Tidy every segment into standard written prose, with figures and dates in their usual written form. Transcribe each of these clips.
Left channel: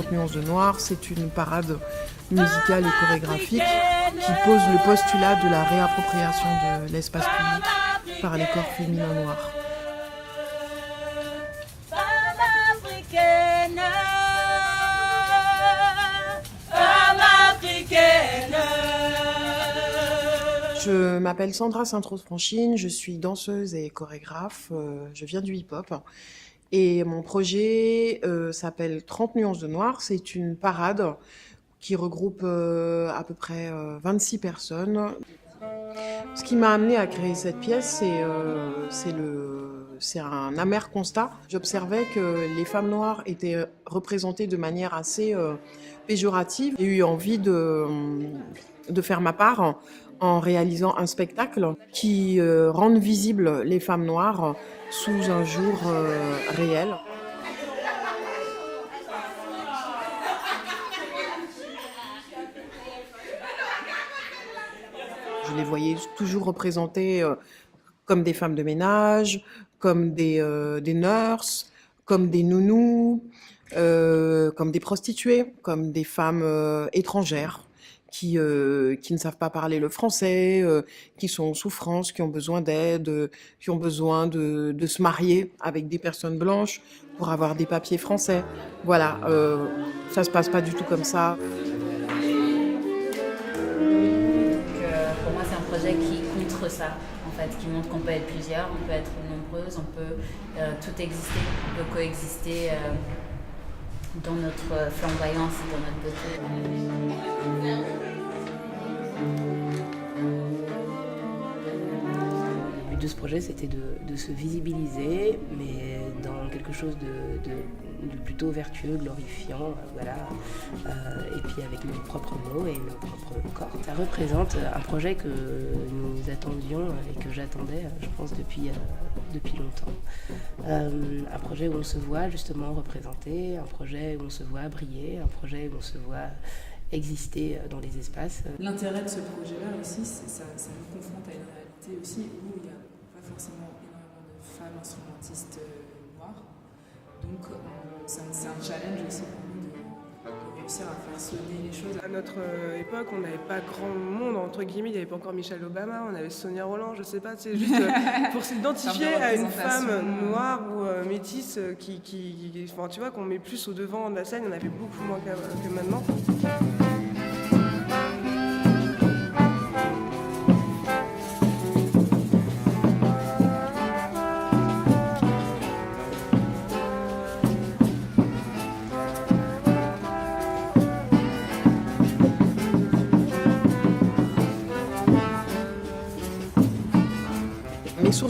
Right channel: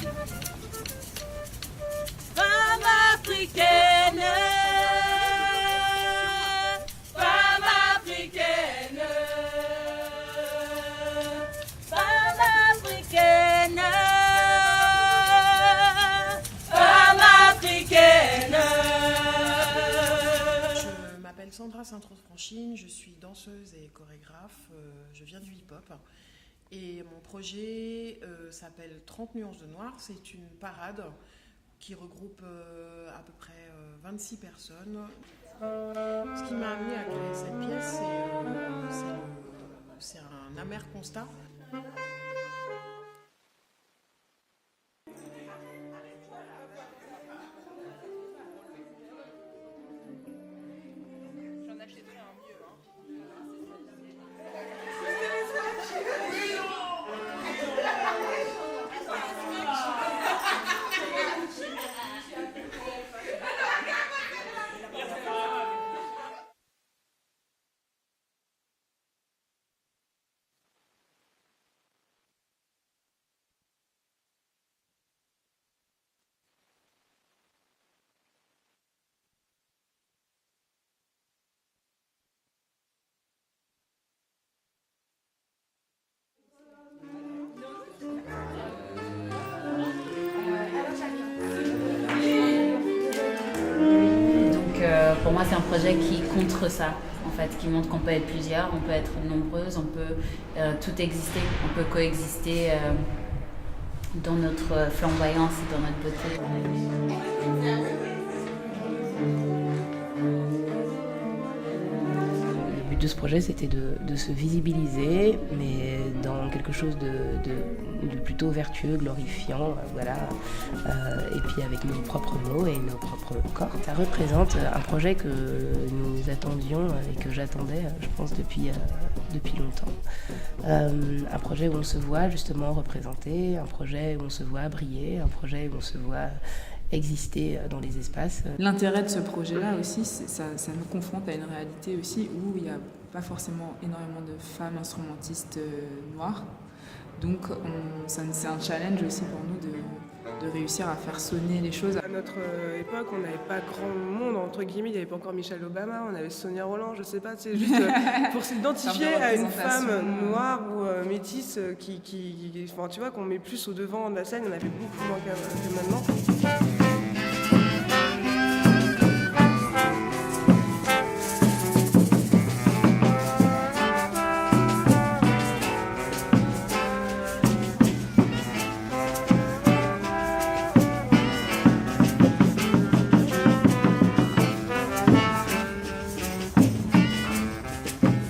50 nuances de noir, c'est une parade musicale et chorégraphique qui pose le postulat de la réappropriation de l'espace public par les corps féminins noirs. Je m'appelle Sandra Sainte-Rose-Franchine, je suis danseuse et chorégraphe, je viens du hip-hop. Et mon projet s'appelle 30 nuances de noir. C'est une parade qui regroupe à peu près 26 personnes. Ce qui m'a amenée à créer cette pièce, c'est un amer constat. J'observais que les femmes noires étaient représentées de manière assez péjorative. J'ai eu envie de faire ma part en réalisant un spectacle qui rende visibles les femmes noires sous un jour réel. Je les voyais toujours représentées comme des femmes de ménage, comme des nurses, comme des nounous, comme des prostituées, comme des femmes étrangères. Qui ne savent pas parler le français, qui sont en souffrance, qui ont besoin d'aide, qui ont besoin de se marier avec des personnes blanches pour avoir des papiers français. Voilà, ça se passe pas du tout comme ça. Donc pour moi c'est un projet qui contre ça, en fait, qui montre qu'on peut être plusieurs, on peut être nombreuses, on peut tout exister, on peut coexister dans notre flamboyance et dans notre beauté. Le but de ce projet, c'était de se visibiliser, mais dans quelque chose de plutôt vertueux, glorifiant, voilà. Et puis avec nos propres mots et nos propres corps. Ça représente un projet que nous attendions et que j'attendais, je pense, depuis longtemps. Un projet où on se voit justement représenté, un projet où on se voit briller, un projet où on se voit exister dans les espaces. L'intérêt de ce projet-là aussi, ça nous confronte à une réalité aussi où il n'y a pas forcément énormément de femmes instrumentistes noires. Donc c'est un challenge aussi pour nous de réussir à faire sonner les choses. À notre époque, on n'avait pas grand monde, entre guillemets, il n'y avait pas encore Michelle Obama, on avait Sonia Rolland, je sais pas, c'est juste pour s'identifier à une femme noire ou métisse enfin, tu vois, qu'on met plus au devant de la scène, on avait beaucoup moins que maintenant.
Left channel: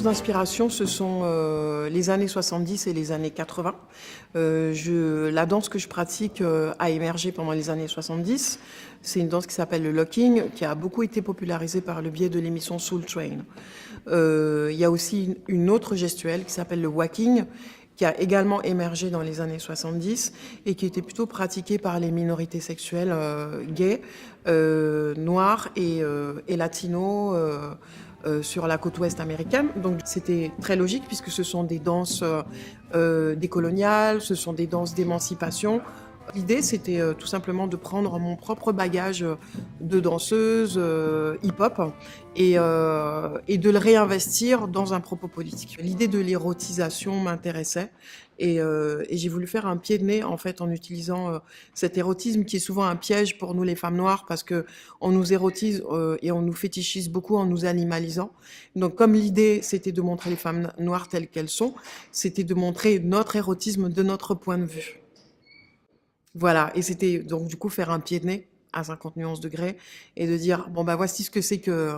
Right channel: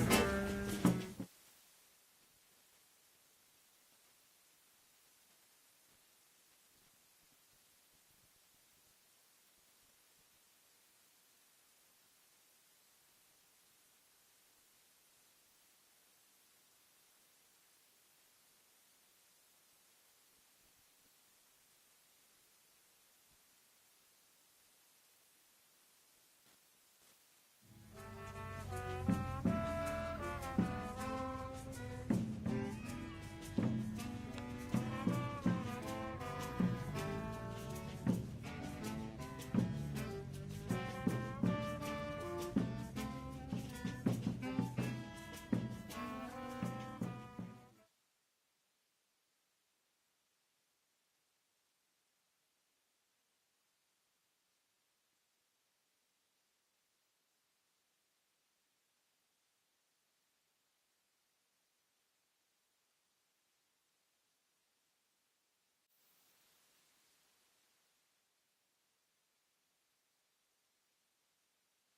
D'inspiration, ce sont les années 70 et les années 80. La danse que je pratique a émergé pendant les années 70. C'est une danse qui s'appelle le locking, qui a beaucoup été popularisée par le biais de l'émission Soul Train. Il y a aussi une autre gestuelle qui s'appelle le walking, qui a également émergé dans les années 70 et qui était plutôt pratiquée par les minorités sexuelles gays, noires et latinos, sur la côte ouest américaine. Donc c'était très logique puisque ce sont des danses décoloniales, ce sont des danses d'émancipation. L'idée c'était tout simplement de prendre mon propre bagage de danseuse hip-hop et de le réinvestir dans un propos politique. L'idée de l'érotisation m'intéressait et j'ai voulu faire un pied de nez en fait en utilisant cet érotisme qui est souvent un piège pour nous les femmes noires parce que on nous érotise et on nous fétichise beaucoup en nous animalisant. Donc comme l'idée c'était de montrer les femmes noires telles qu'elles sont, c'était de montrer notre érotisme de notre point de vue. Voilà, et c'était donc du coup faire un pied de nez à 50 nuances degrés et de dire bon bah voici ce que c'est que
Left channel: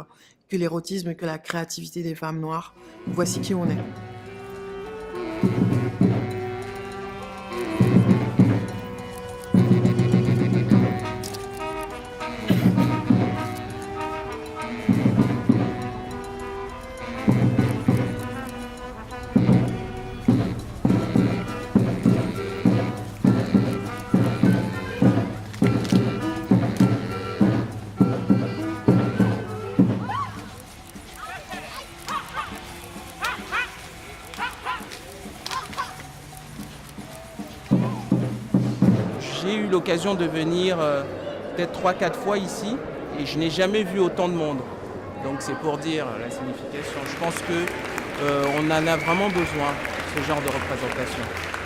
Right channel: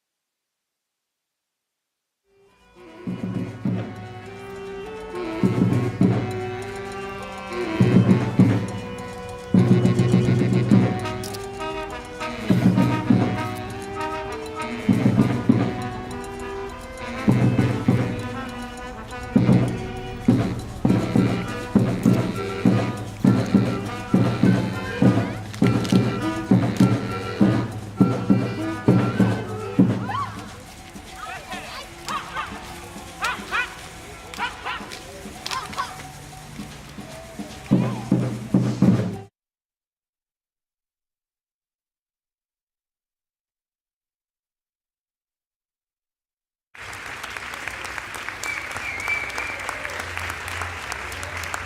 l'érotisme, que la créativité des femmes noires, voici qui on est. l'occasion de venir peut-être 3-4 fois ici et je n'ai jamais vu autant de monde. Donc c'est pour dire la signification. Je pense qu'on en a vraiment besoin, ce genre de représentation.